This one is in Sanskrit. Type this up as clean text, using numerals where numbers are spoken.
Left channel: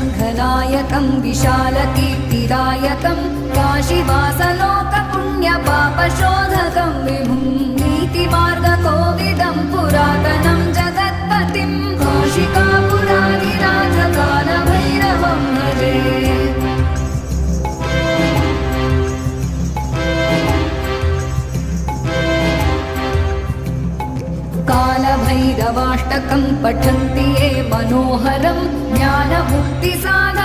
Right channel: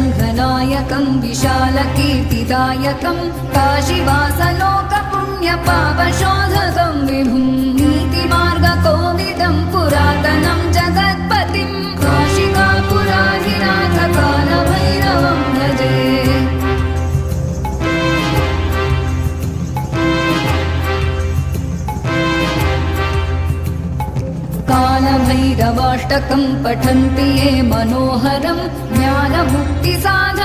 सङ्घनायकं विशालकीर्तिदायकं काशीवासलोकपुण्यपापशोधकं विभुं नीतिमार्गकोविदं पुरातनं जगत्पतिं काशिकापुराधिनाथ कालभैरवं भजे। कालभैरवाष्टकं पठन्ति ये मनोहरं ज्ञानमुक्तिसाधकं